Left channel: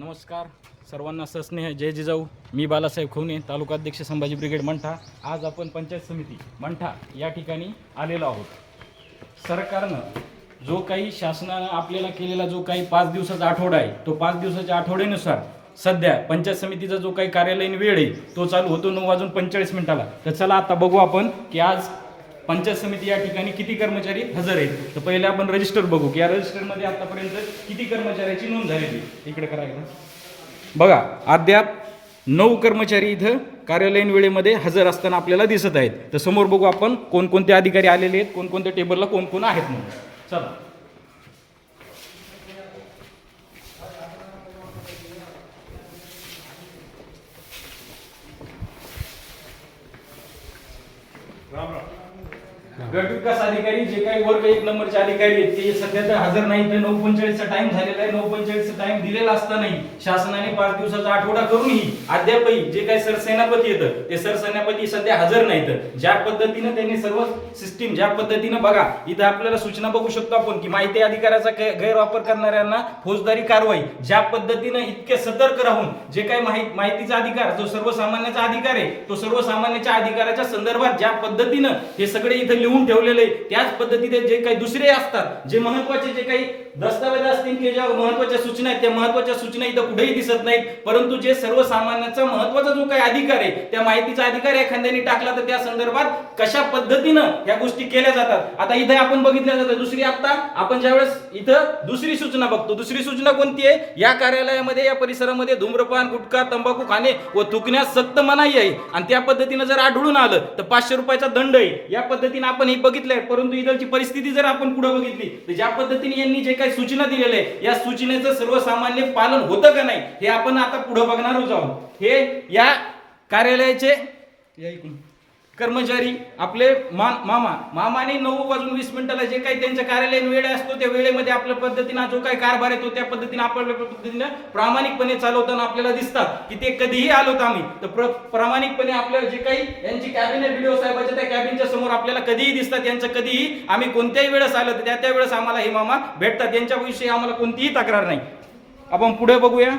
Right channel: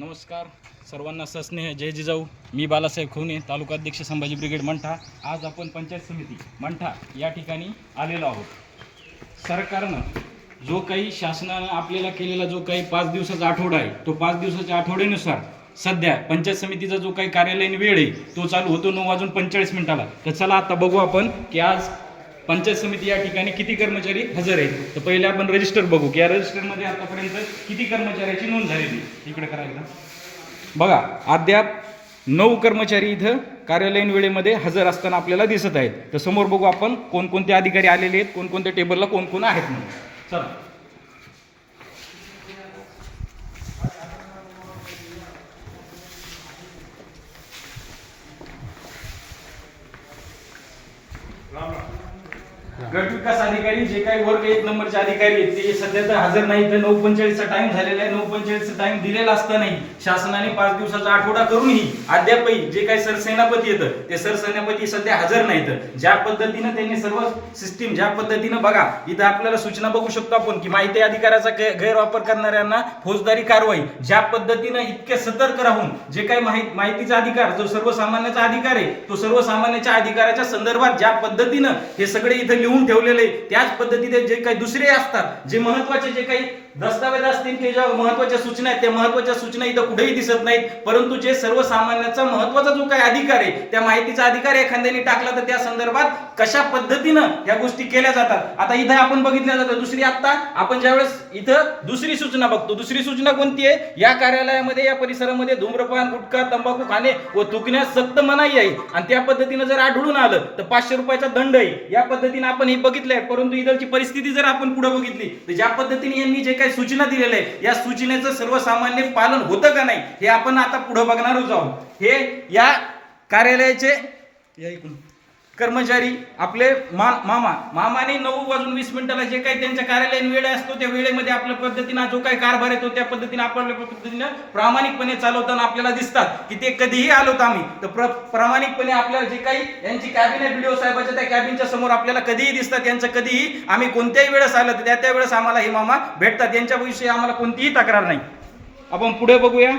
नमस्कार सर्वांना सस्नेह जय जिजाऊ मी बालासाहेब खवणे अध्यक्ष संभाजी ब्रिगेड मंठा आज आपण पंचायत समिती मंठा या ठिकाणी आलेलो आहोत सरकारनं जो काही शासनानं आपल्याला केलेला जो काही पाच दिवसाचा आठवडा आहे तो पाच दिवसाच्या आठवड्यानुसार सध्या पंचायत समितीचा जो काही कार्यालयीन वेळ आहे तो चालू होतो नऊ वाजून पंचेचाळीस मिनिटाला तर चला आता बघू आपण की आज पंचायत समिती या ठिकाणी किती कर्मचारी हजर आहेत तर पहिले आपण रजिस्टर बघू की या रजिस्टरमध्ये आतापर्यंत किती कर्मचाऱ्याची नोंद झालेली इकडे करायला बघा अद्याप नऊ कर्मचारी इथं कार्यालयीन वेळेमध्ये हजर असताना आपल्याला दिसत आहेत तर समोर बघू आपण कोणकोणते अधिकारी आलेले आहेत कोणकोणत्या टेबलला कोण कोण आहेत म्हणून चला राम राम विकास अधिकारी जे काही वर्ग एक नंबरचे अधिकारी आहेत ते सध्या तर हजर नाही ते नऊ चा टाइम झालेला आहे नऊ चा टाइम दिलेला असतानाही शासनाने पाच दिवसाचा आठवडा करूनही अद्यापही जे काही सरसेनापती येतं ते सरसेनापती सध्या हजर नाहीत ज्या पद्धतीनं त्यांनी सर्व सिस्टीम ज्या पद्धतीनं बघा इथं आपल्याला सूचना बघू शकतो आपण की माहिती अधिकाराचा गैरवापर करणाऱ्यांना फौजदारी कारवाई ज्या पद्धतीनं इतके सतर्क राहून जे काही माहितीचा अधिकार जो सर्वसामान्याचा अधिकार आहे तो सर्वसामान्याच्या अधिकाराच्या संदर्भात ज्या पद्धतीनं हे सगळे इथं लिहून ठेवलेलं आहे त्याच पद्धतीने जे काही दुसरे असतात जे महत्वाचे जे काही दस्तावेज असतील की ज्या महत्वाच्या सूचना आहेत त्या महत्वाच्या सूचना इथं कुठेही दिसत नाहीत परंतु जे सर्वसामान्याचा महत्वाचा जो काही अधिकार आहे त्या माहितीचा अधिकार एखाद्याने टाकला तर त्या संदर्भात कशा पद्धतीनं या गोष्टी केल्या जातात आता इथं आपण बघितल्या जातात दुसरी आता आपण ज्यावेळेस इथं दुसरी सूचना बघतो दुसरी सूचना कोणती आहे या कार्यालयामध्ये या परिसरामध्ये धूम्रपान गुटखा तंबाखू खाणे व थुकण्यास सक्त मनाई आहे आणि त्या पद्धतीनं जर आढळून आलं तर पाचशे रुपयाचा दंड आहे या पद्धतीने आपण हे बघितलंय परंतु इथलची परिस्थिती जर आपण पुढे बघितली तर ज्या पद्धतीने यांनी जे काही सूचना दिलेल्या या सूचनेचं सर्वसामान्य पालन होतं का नाही हे आपण आता पुढे बघणारच आहोत हे या कार्यालयाचे ऐकून कर्मचारी आपले मा मामा मामाने नऊ वाजून वीस मिनिटाला जे काही त्यांच्या कार्यालयीन वेळ असतो त्या वेळेमध्ये आपल्या पद्धतीनं जो काही कारभार येतो त्या पद्धतीने आपल्या पद्धतीनं प्रामाणिकपणे चालवताना आपल्याला दिसतात की ते कधीही आलो आलोत आम्ही तर प्रामाणिकपणे आपल्याला जे काही यांची कॅबिन व्हिडिओ बीडीओ त्या कॅबिनच्या समोर आपल्याला कधीही दिसतात त्यांचं कधीही आम्ही कोणत्याही वेळेस आलं तर त्या त्यावेळेस आम्हाला हे मामा भेटतात यांच्याविषयी आम्हाला कोणतीही तक्रार नाही आपण पुढे बघूया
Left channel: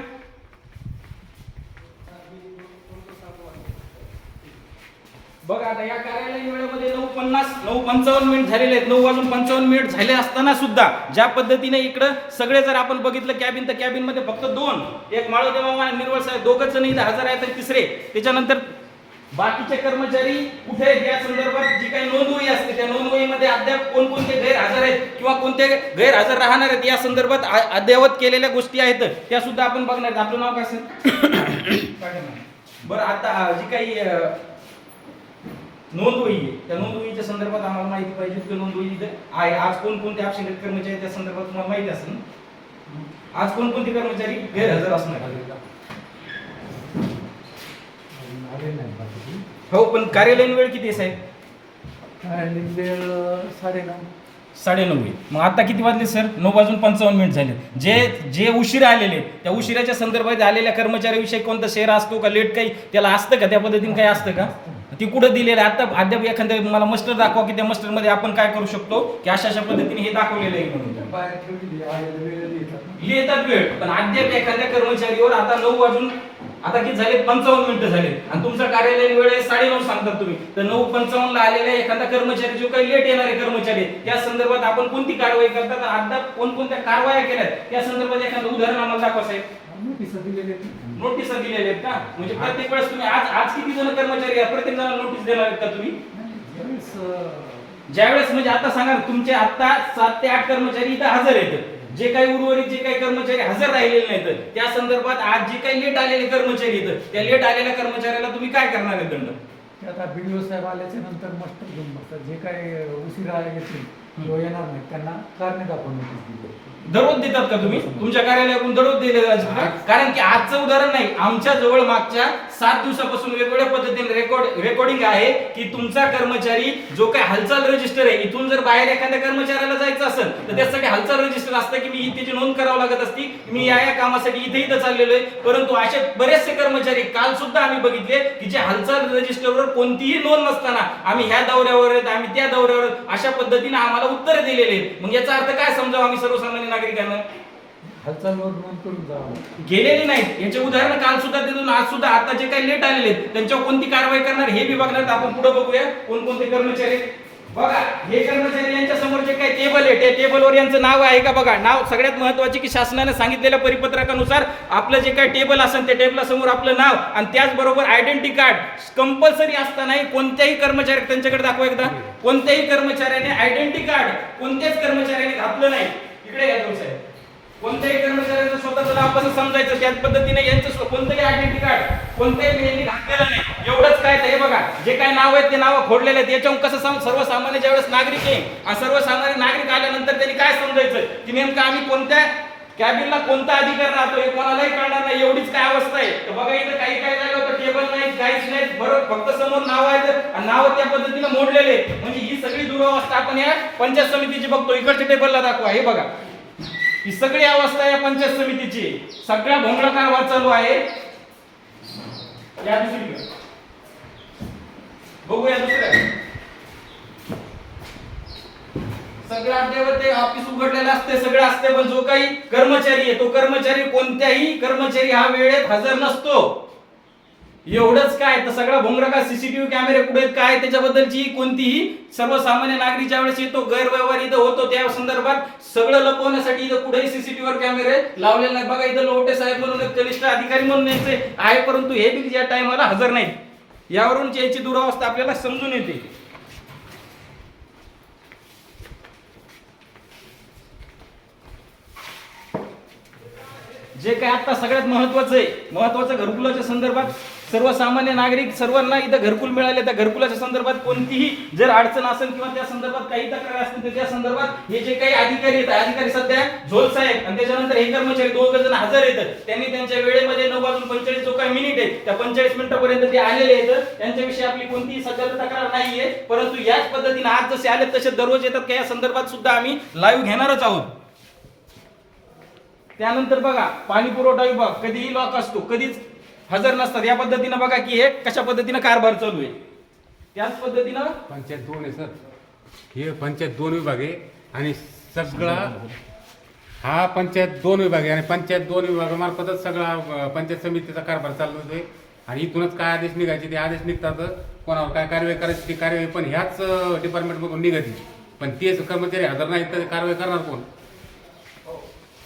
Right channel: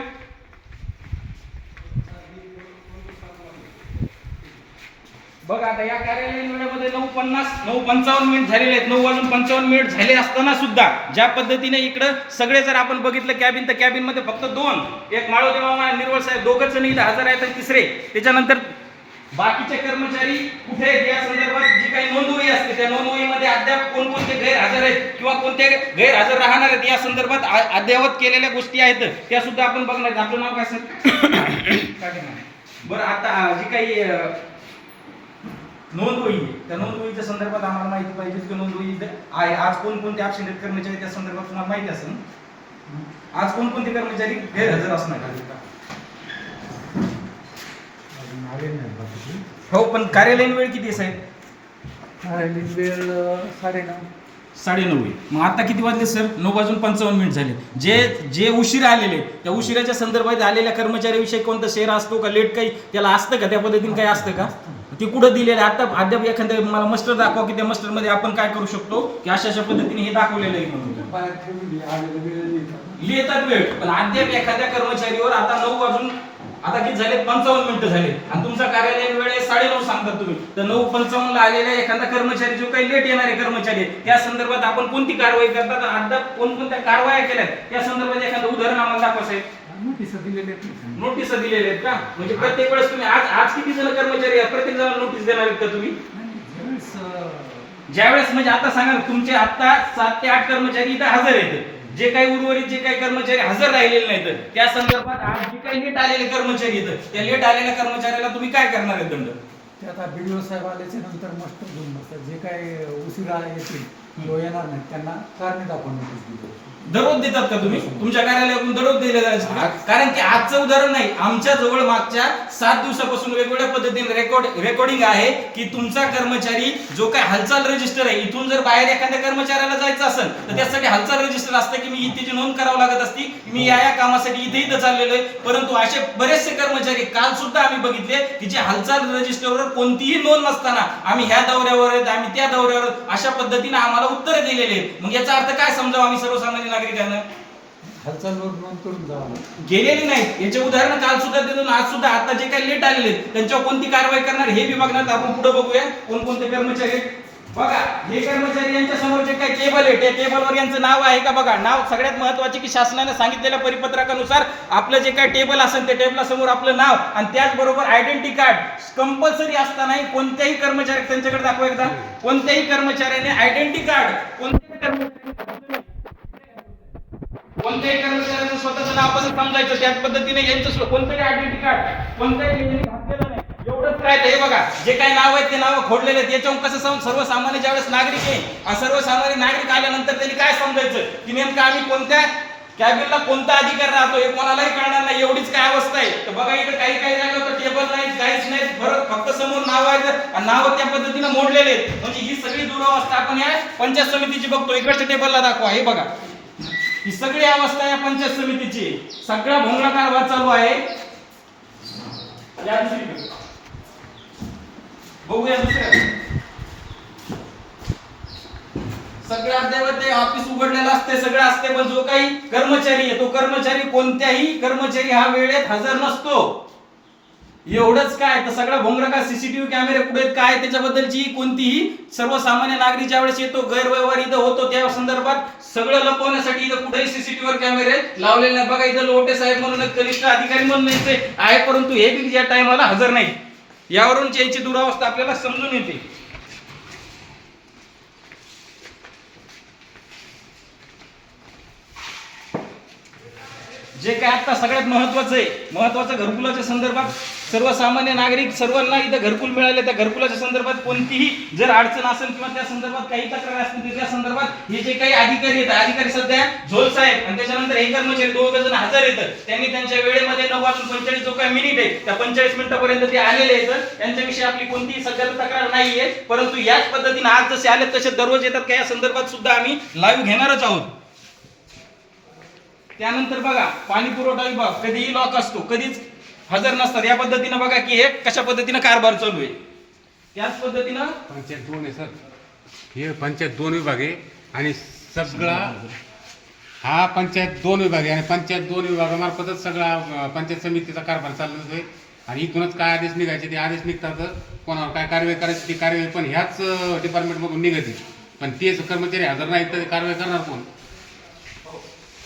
बघ आता या कार्यालयीन वेळेमध्ये नऊ पन्नास नऊ पंचावन्न मिनिट झालेले आहेत नऊ वाजून पंचावन्न मिनिट झाले असताना सुद्धा ज्या पद्धतीने इकडं सगळे जर आपण बघितलं कॅबिन तर कॅबिन मध्ये फक्त दोन एक माळो मामा निर्मळ साहेब दोघच नाही हजर आहेत आणि तिसरे त्याच्यानंतर बाकीचे कर्मचारी कुठे आहेत या संदर्भात जी काही नोंदवही असते त्या नोंदवहीमध्ये अद्याप कोणकोणते गैरहजर आहेत किंवा कोणते गैरहजर राहणार आहेत या संदर्भात अद्यावत केलेल्या गोष्टी आहेत त्या सुद्धा आपण बघणार आपलं नाव काय सर बरं आता जी काही नोंदवही आहे त्या नोंदवहीच्या संदर्भात आम्हाला माहिती पाहिजे की नोंदवही आहे आज कोणकोणते ॲबसेंटेड कर्मचारी त्या संदर्भात तुम्हाला माहिती असेल आज कोणकोणते कर्मचारी गैरहजर असणार हो पण कार्यालयीन वेळ किती आहे साहेब कार्यालयीन वेळ साडेनऊ साडेनऊ आहे मग आता किती वाजले सर नऊ वाजून पंचावन्न मिनिट झाले जे जे उशिरा आलेले त्या उशिराच्या संदर्भात आलेल्या कर्मचाऱ्याविषयी कोणता शेअर असतो का लेट काही त्याला असतं का त्या पद्धतीने काही असतं का ते कुठं दिलेलं आहे आता अद्याप एखाद्या मला मस्टर दाखवा की त्या मस्टरमध्ये आपण काय करू शकतो की अशा अशा पद्धतीने हे दाखवलेलं आहे म्हणून लिहितात वेळ पण अद्याप एखाद्या कर्मचारीवर आता नऊ वाजून आता किती झाले पंचावन्न मिनिटं झाले आणि तुमचा कार्यालय वेळ आहे नऊ सांगतात तुम्ही तर नऊ ला आलेला एखादा कर्मचारी जो काही लेट येणारे कर्मचारी त्या संदर्भात आपण कोणती कारवाई करतात अद्याप कोणकोणत्या कारवाया केल्यात त्या संदर्भात एखादं उदाहरण आम्हाला दाखवा साहेब नोटीस दिलेले नोटिसा दिलेले आहेत का म्हणजे प्रत्येक वेळेस तुम्ही आज आज किती जण कर्मचारी आहेत प्रत्येक जणांना नोटीस देणार आहेत का तुम्ही ज्यावेळेस वेळेस म्हणजे आता सांगा तुमचे आता सात ते आठ कर्मचारी इथं हजर आहेत जे काही उर्वरित जे काही कर्मचारी हजर राहिलेले नाहीत त्या संदर्भात आज जे काही लेट आलेले कर्मचारी आहेत त्या लेट आलेल्या कर्मचाऱ्याला तुम्ही काय करणार आहे दंड आता बी साहेब आल्याच्या नंतर मस्त घेऊन बसतात जे काही उशिरा येतील किंवा येणार नाही त्यांना कारणे दाखवून नोटीस दिली दररोज देतात का तुम्ही तुमच्या कार्यालयातून दररोज दिले कारण की आजचं उदाहरण नाही आमच्या जवळ मागच्या सात दिवसापासून वेगवेगळ्या पद्धतीने रेकॉर्ड रेकॉर्डिंग आहे की तुमचा कर्मचारी जो काय हालचाल रजिस्टर आहे इथून जर बाहेर एखाद्या कर्मचाऱ्याला जायचं असेल तर त्यासाठी हालचाल रजिस्टर असतं की मी त्याची नोंद करावं लागत असती मी या या कामासाठी इथे इथं चाललेलो आहे परंतु असे बरेचसे कर्मचारी काल सुद्धा आम्ही बघितले की जे हालचाल रजिस्टरवर कोणतीही नोंद नसताना आम्ही ह्या दौऱ्यावर आहेत आम्ही त्या दौऱ्यावर अशा पद्धतीने आम्हाला आम्हाला उत्तर दिलेले मग याचा अर्थ काय समजावं आम्ही सर्वसामान्य नागरिकांना गेलेली नाही याचे उदाहरण काल सुद्धा देऊन आज सुद्धा आता जे काही लेट आलेले त्यांच्यावर कोणती कारवाई करणार हे विभागणार आपण पुढे बघूया कोणकोणते कर्मचारी बघा हे कर्मचारी यांच्या समोर जे काही टेबल आहे त्या टेबलवर यांचं नाव आहे का बघा नाव सगळ्यात महत्वाचे की शासनाने सांगितलेल्या परिपत्रकानुसार आपलं जे काही टेबल असेल त्या टेबलासमोर आपलं नाव आणि त्याचबरोबर आयडेंटिटी कार्ड कंपल्सरी असतानाही कोणत्याही कर्मचारी त्यांच्याकडे दाखवा एकदा कोणत्याही कर्मचाऱ्याने आयडेंटिटी कार्ड कोणत्याच कर्मचाऱ्याने घातलं नाही इकडे घ्या कोणत्याही कर्मचाऱ्याचं स्वतःचं आपण समजायचं त्याच पद्धतीने यांचं कोणतंही आयडेंटी कार्ड कोणत्याही मेनली घातलेलं नाही एवढंच काय ते हे बघा जे काही नाव आहेत ते नाव खोडलेले आहेत याच्यावर कसं सांग सर्वसामान्य ज्यावेळेस नागरिक आहे आणि सर्वसामान्य नागरिक आल्यानंतर त्यांनी काय समजायचं की नेमकं आम्ही कोणत्या कॅबिनला कोणता अधिकार राहतो हे कोणालाही कळणार नाही एवढीच काय अवस्था आहे तर बघा इथं काही काही होतं टेबल नाही काहीच नाही बरं फक्त समोर नाव आहे आणि नाव त्या पद्धतीनं मोडलेले म्हणजे ही सगळी दुरावस्था आपण या पंचायत समितीची बघतो इकडच्या टेबलला दाखवा हे बघा ही सगळी अवस्था या पंचायत समितीची सगळा भोंगळा कारभार चालू आहे या दुसरीकडे बघूया दुसऱ्या सगळं अद्यावत ते ऑफिस उघडलेलं असते सगळं असते पण जो काही कर्मचारी आहे तो कर्मचारी कोणत्याही कर्मचारी हा वेळेत हजर नसतो एवढंच काय तर सगळा भोंगरा का सीसीटीव्ही कॅमेरे कुठे काय त्याच्याबद्दलची कोणतीही सर्वसामान्य नागरिक ज्या वेळेस येतो गैरव्यवहार इथं होतो त्या संदर्भात सगळं लपवण्यासाठी इथं कुठेही सीसीटीव्ही कॅमेरे लावलेले नाही बघा इथं लोटे साहेब म्हणून कनिष्ठ अधिकारी म्हणून येते आहे परंतु हे बी या टायमाला हजर नाही यावरून त्यांची दुरावस्था आपल्याला समजून येते जे काय आता सगळ्यात महत्वाचं आहे महत्वाचं घरकुलाच्या संदर्भात सर्वसामान्य नागरिक सर्वांना इथं घरकुल मिळाले त्या घरकुलाच्या संदर्भात कोणतीही जर अडचण असेल किंवा त्या संदर्भात काही तक्रार असतील तर त्या संदर्भात हे जे काही अधिकारी आहेत अधिकारी सध्या झोल साहेब आणि त्याच्यानंतर हे कर्मचारी दोघ जण हजर येतात त्यांनी त्यांच्या वेळेमध्ये नऊ वाजून पंचेचाळीस जो काही मिनिट आहे त्या पंचेचाळीस मिनिटापर्यंत ते आलेले आहेत त्यांच्याविषयी आपली कोणतीही सध्या तक्रार नाहीये परंतु याच पद्धतीने आज जसे आले तसे दररोज येतात का या संदर्भात सुद्धा आम्ही लाईव्ह घेणारच आहोत त्यानंतर बघा पाणी पुरवठा विभाग कधीही लॉक असतो कधीच हजर नसतात या पद्धतीनं बघा की हे कशा पद्धतीनं कारभार चालू आहे त्याच पद्धतीनं पंचायत दोन आहे सर हे पंचायत दोन विभाग आहे आणि सगळा हा पंचायत दोन विभाग आहे आणि पंचायत दोन विभागामार्फतच सगळा पंचायत समितीचा कारभार चालू आहे आणि इथूनच काय आदेश निघायचे ते आदेश निघतात कोणावर काय कारवाई करायची ती कारवाई पण ह्याच डिपार्टमेंटमधून निघायची पण तेच कर्मचारी हजर नाही तर कारवाई करणार कोण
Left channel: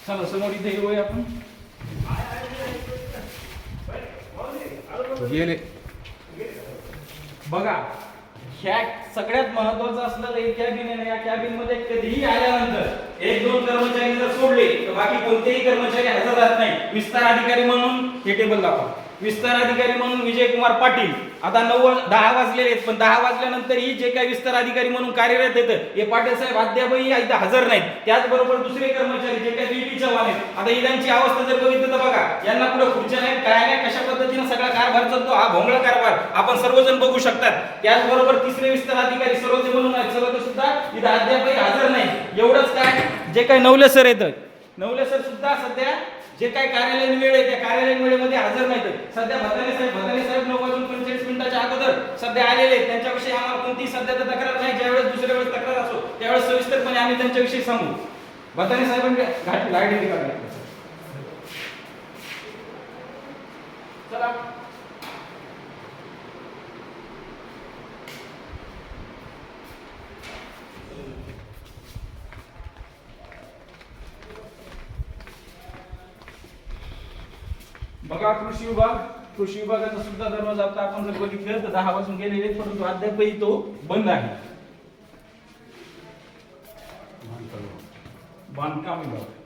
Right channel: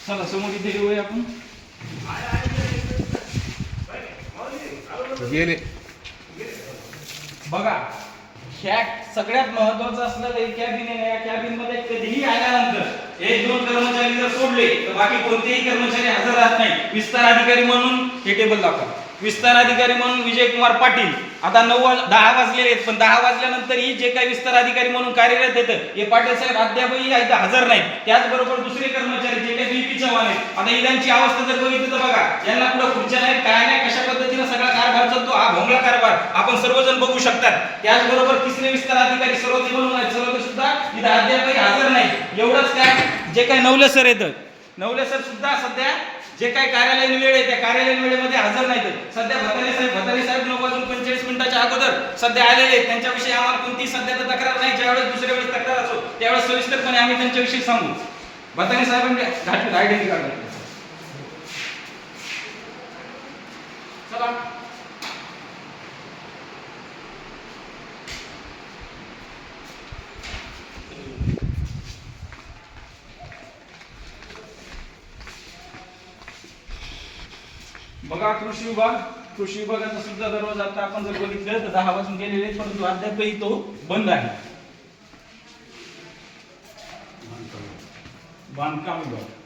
चला समोर इथे येऊया आपण बघा ह्या सगळ्यात महत्वाचं असलं कॅबिन आहे या कॅबिन मध्ये कधीही आल्यानंतर एक दोन कर्मचारी जर सोडले तर बाकी कोणतेही कर्मचारी हजर राहत नाही विस्तार अधिकारी म्हणून हे टेबल दाखवा विस्तार अधिकारी म्हणून विजयकुमार पाटील आता नव्वद दहा वाजलेले आहेत पण दहा वाजल्यानंतर ही जे काही विस्तार अधिकारी म्हणून कार्यरत आहेत हे पाटील साहेब अद्यापही हजर नाहीत त्याचबरोबर दुसरे कर्मचारी जे काही बीपी चव्हाण आहेत आता इलांची अवस्था जर बघितलं तर बघा यांना पुढे खुर्च्या नाही काय नाही कशा पद्धतीने सगळा कारभार चालतो हा भोंगळा कारभार आपण सर्वजण बघू शकतात त्याचबरोबर तिसरे विस्तार अधिकारी सर्व सर्व सुद्धा इथे अद्यापही हजर नाही एवढंच काय जे काही नवले सर येतं नवले सर सुद्धा सध्या जे काही कार्यालयीन वेळ आहे त्या कार्यालयीन वेळेमध्ये हजर नाही सध्या भताने साहेब भतानी साहेब नऊ वाजून पंचेचाळीस मिनिटाच्या अगोदर सध्या आलेले आहेत त्यांच्याविषयी आम्हाला कोणती सध्या तक्रार नाही ज्यावेळेस दुसऱ्या वेळेस तक्रार असो त्यावेळेस सविस्तरपणे आम्ही त्यांच्याविषयी सांगू भताने साहेबांनी घाटून आयडेंटिटी कार्ड चला का कृषी विभाग कृषी विभागाचा सुद्धा दरवाजा आता आपण जर बघितलं तर दहा वाजून गेलेले परंतु अद्यापही तो बंद आहे बांधकाम विभाग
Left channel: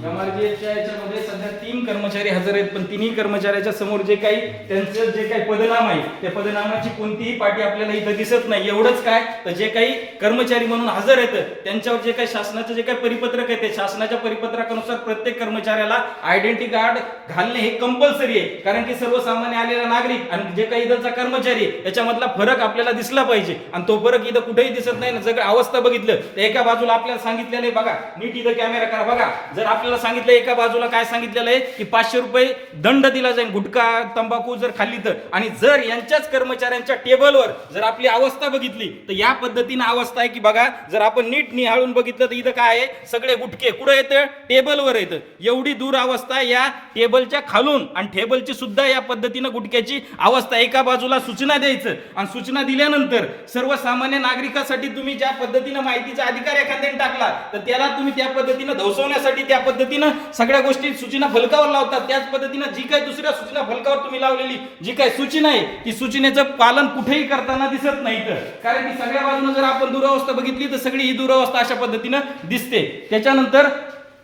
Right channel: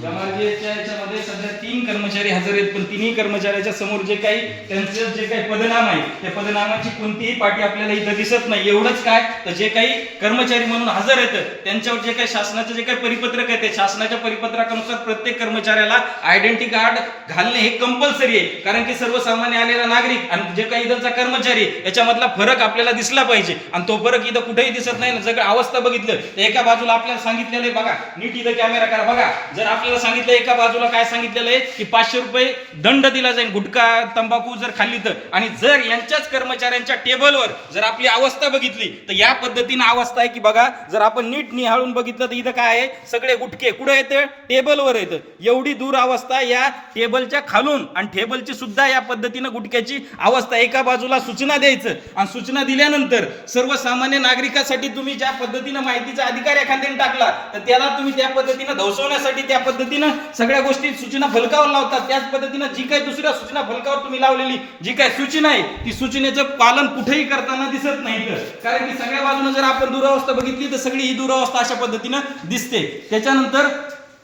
याच्यामध्ये सध्या तीन कर्मचारी हजर आहेत पण तिन्ही कर्मचाऱ्याच्या समोर जे काही त्यांचं जे काही पदनाम आहे त्या पदनामाची कोणतीही पाठी आपल्याला इथं दिसत नाही एवढंच काय तर जे काही कर्मचारी म्हणून हजर येतं त्यांच्यावर जे काही शासनाचं जे काही परिपत्रक आहे ते शासनाच्या परिपत्रकानुसार प्रत्येक कर्मचाऱ्याला आयडेंटिटी कार्ड घालणे हे कंपल्सरी आहे कारण की सर्वसामान्य आलेला नागरिक आणि जे काही इथलचा कर्मचारी याच्यामधला फरक आपल्याला दिसला पाहिजे आणि तो फरक इथं कुठेही दिसत नाही ना जर अवस्था बघितलं तर एका बाजूला आपल्याला सांगितलेलं आहे बघा नीट इथं कॅमेरा करा बघा जर आपल्याला सांगितलं एका बाजूला काय सांगितलेलं आहे की पाचशे रुपये दंड दिला जाईल गुटखा तंबाखू जर खाल्ली तर आणि जर यांच्याच कर्मचाऱ्यांच्या टेबलवर जर आपली अवस्था बघितली तर या पद्धतीनं अवस्था आहे की बघा जर आपण नीट निहाळून बघितलं तर इथं काय आहे सगळे गुटके कुठं येतं टेबलवर येतं एवढी दूर अवस्था या टेबलच्या खालून आणि टेबलची सुद्धा या पद्धतीनं गुटख्याची अवस्था एका बाजूला सूचना द्यायचं आणि सूचना दिल्यानंतर सर्वसामान्य नागरिकासाठी तुम्ही ज्या पद्धतीनं माहितीचा अधिकार एखाद्याने टाकला तर त्याला तुम्ही त्या पद्धतीनं धवसवण्यासाठी त्या पद्धतीनं सगळ्या गोष्टी सूचना फलकावर लावतात त्याच पद्धतीनं जी काही दुसऱ्या सूचना फलकावर तुम्ही लावलेली जी काही सूचना आहे ती सूचनेचं पालन कुठेही करताना दिसत नाही तर कारण की सगळ्या बाजूने जर आपण दुरावस्था बघितली तर सगळी ही दुरावस्था अशा पद्धतीनं दिसते त्याच्यानंतर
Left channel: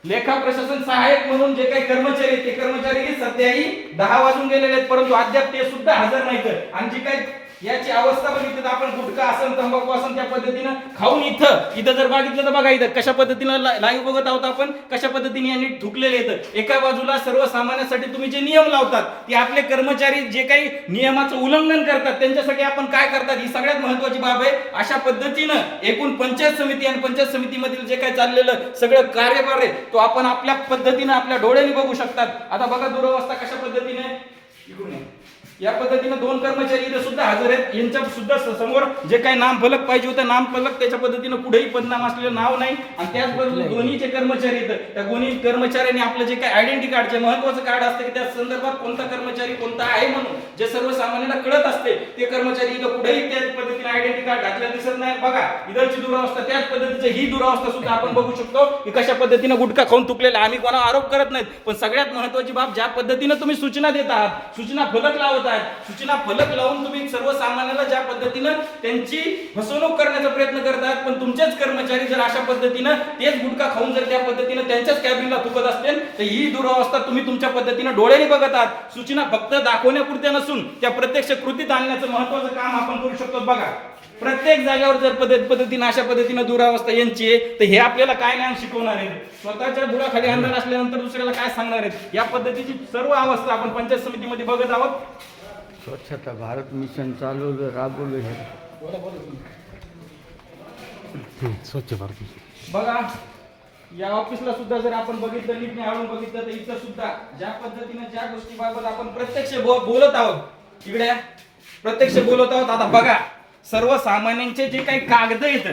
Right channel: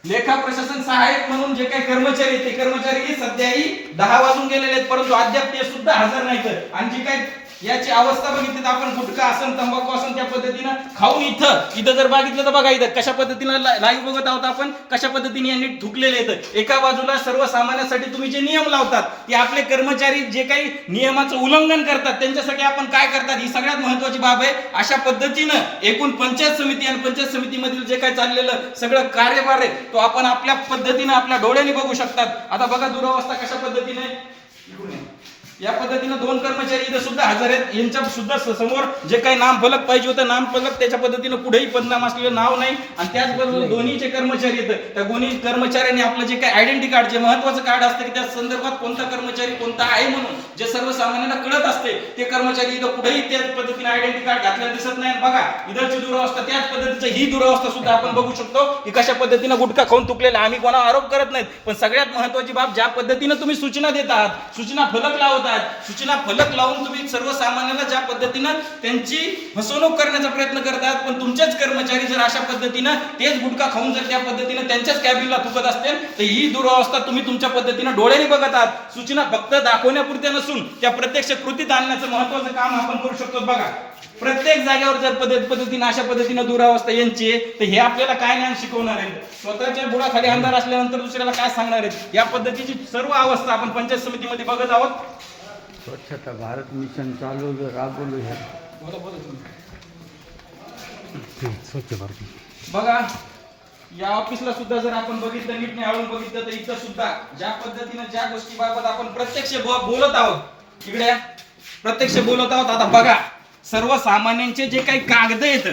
लेखा प्रशासन सहायक म्हणून जे काही कर्मचारी ते कर्मचारी सध्याही दहा वाजून गेलेले आहेत परंतु अद्याप ते सुद्धा हजर नाहीत आणि जी काही याची अवस्था बघितली तर आपण गुटखा असन तंबाखू असन त्या पद्धतीनं खाऊन इथं इथं जर बघितलं तर बघा इथं कशा पद्धतीनं लाईव्ह बघत आहोत आपण कशा पद्धतीने यांनी ठुकलेले येतं एका बाजूला सर्वसामान्यासाठी तुम्ही जे नियम लावतात ते आपले कर्मचारी जे काही नियमाचं उल्लंघन करतात त्यांच्यासाठी आपण काय करतात ही सगळ्यात महत्वाची बाब आहे अशा पद्धतीनं एकूण पंचायत समिती आणि पंचायत समितीमधील जे काही चाललेलं सगळं कार्यभार आहे तो आपण आपल्या पद्धतीनं आपल्या डोळ्यांनी बघू शकतात आता बघा दुरावस्था कशा पद्धतीने या पद्धतीनं दोन कर्मचारी इथं सुद्धा हजर आहेत यांच्या सुद्धा समोर जे काही नाम फलक पाहिजे होतं नाम फलक त्याच्या पद्धतीनं कुठेही बदनाम असलेलं नाव नाही आणि त्याचबरोबर दोन्ही जे कर्मचारी आहेत त्या दोन्ही कर्मचाऱ्यांनी आपलं जे काही आयडेंटिटी कार्ड जे महत्वाचं कार्ड असतं की त्या संदर्भात कोणता कर्मचारी कोणता आहे म्हणून जे सर्वसामान्यांना कळत असते ते कर्मचारी इथं कुठेही त्या पद्धतीने आयडेंटिटी कार्ड घातलेलं दिसत नाही बघा इधरची दुरावस्था त्याच पद्धतीचं ही दुरावस्था सुद्धा आपण बघू शकतो की कशा पद्धतीनं गुटखा खाऊन तुकलेला आम्ही कोणा आरोप करत नाहीत पण सगळ्यात महत्वाची बाब ज्या पद्धतीनं तुम्ही सूचना देत आहात सूचना फलक लावत सूचना फलक लावून तुम्ही सर्वसामान्याला ज्या पद्धतीनं त्यांची फसवणूक करण्याचा प्रयत्न करतात पण तुमचेच कर्मचारी जर अशा पद्धतीनं तेच गुटखा खाऊन जर त्या पद्धतीनं त्यांच्याच कॅबिनला थुकत असतील तर ही दुरावस्था तुम्ही तुमच्या पद्धतीनं डोळ्याने बघत आहात सूचना फक्त दाखवण्यापुरत्या नसून त्या प्रत्यक्ष कृतीत आणण्याचं महत्वाचं काम आपण करू शकतो बघा प्रत्येक जागेवर जर पद्धत पद्धतीने अशा पद्धतीनं दुरावस्था यांची आहे तर हे आपल्याला काय ज्ञान शिकवणार आहे स्वतःच्या बुडाखाली अंधार असल्यानंतर दुसऱ्याला काय सांगणार आहे या पद्धतीची सर्व अवस्था आपण पंचायत समितीमध्ये बघत आहोत स्वच्छता भारत मिशन चालवलं राबवलं हे स्वच्छ भारत बघा या ऑफिसला सुद्धा जर आपण बघितलं नीट नाही बघितलं तर इथं सुद्धा ज्या पद्धतीनं ज्या गोष्टीबाबत आपण प्रत्यक्ष बोलत आहोत इकडे प्रत्यक्ष बोलत आहोत आता बघा सर्वसामान्यांचे जे काही कागद आहेत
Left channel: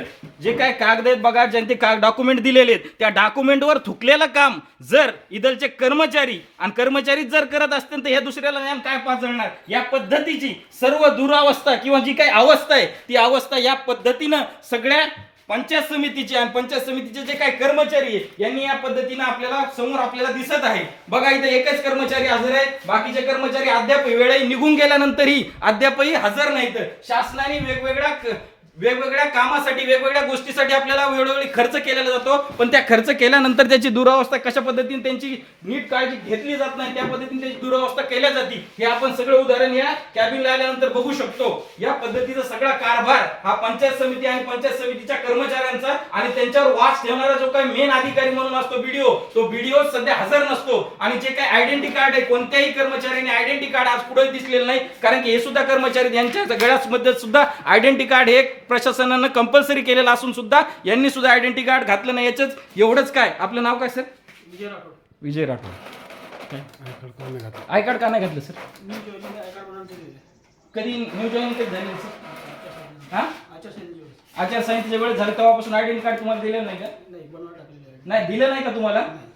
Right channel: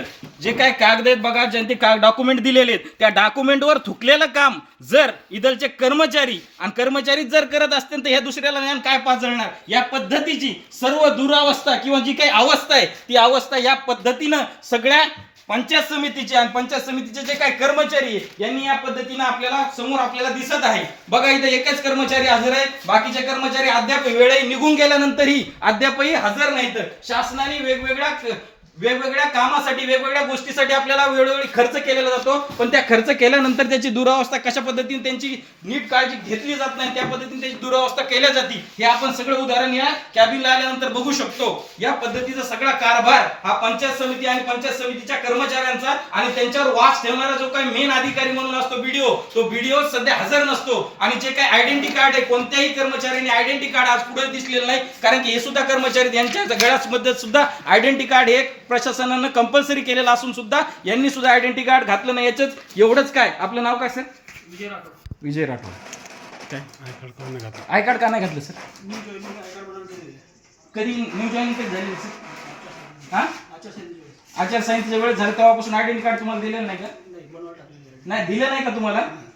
जे काही कागद आहेत बघा ज्यांनी का डॉक्युमेंट दिलेले आहेत त्या डॉक्युमेंटवर थुकलेलं काम जर इदलचे कर्मचारी आणि कर्मचारी जर करत असतील तर ह्या दुसऱ्याला ज्ञान काय पाजळणार या पद्धतीची सर्व दुरावस्था किंवा जी काही अवस्था आहे ती अवस्था या पद्धतीनं सगळ्या पंचायत समितीचे आणि पंचायत समितीचे जे काही कर्मचारी यांनी या पद्धतीने आपल्याला समोर आपल्याला दिसत आहे बघा इथे एकच कर्मचारी हजर आहे बाकीचे कर्मचारी अद्याप वेळही निघून गेल्यानंतरही अद्यापही हजर नाहीत शासनाने वेगवेगळ्या वेगवेगळ्या कामासाठी वेगवेगळ्या गोष्टीसाठी आपल्याला वेळोवेळी खर्च केलेला जातो पण त्या खर्च केल्यानंतर त्याची दुरावस्था कशा पद्धतीने त्यांची नीट काळजी घेतली जात नाही त्या पद्धतीने त्याची दुरावस्था केल्या जाते हे आपण सगळं उदाहरण या कॅबिनला आल्यानंतर बघू शकतो या पद्धतीचा सगळा कारभार हा पंचायत समिती आणि पंचायत समितीच्या कर्मचाऱ्यांचा आणि त्यांच्यावर वास ठेवणारा जो काही मेन अधिकारी म्हणून असतो बीडीओ तो बीडीओ सध्या हजर नसतो आणि जे काही आयडेंटी कार्ड आहे कोणत्याही कर्मचाऱ्याने आयडेंटी कार्ड आज पुढे दिसलेलं नाही कारण की हे सुद्धा कर्मचारी यांच्या गळ्यामध्ये सुद्धा आयडेंटी कार्ड हे प्रशासनानं कंपल्सरी केलेला असून सुद्धा यांनी सुद्धा आयडेंटिटी कार्ड घातलं नाही याचंच एवढंच काय आपलं नाव काय सर विजय राठोड विजय राठोड काय आय कार्ड का नाही घातलं सर कधी न्यू जॉईन कधी झाली हा आचारसंहितेच्या वेळेस. झालं तेव्हापासून आयडेंटिटी कार्ड तुम्हाला दिलेलं नाही का नाही दिलं नाही का तुम्हाला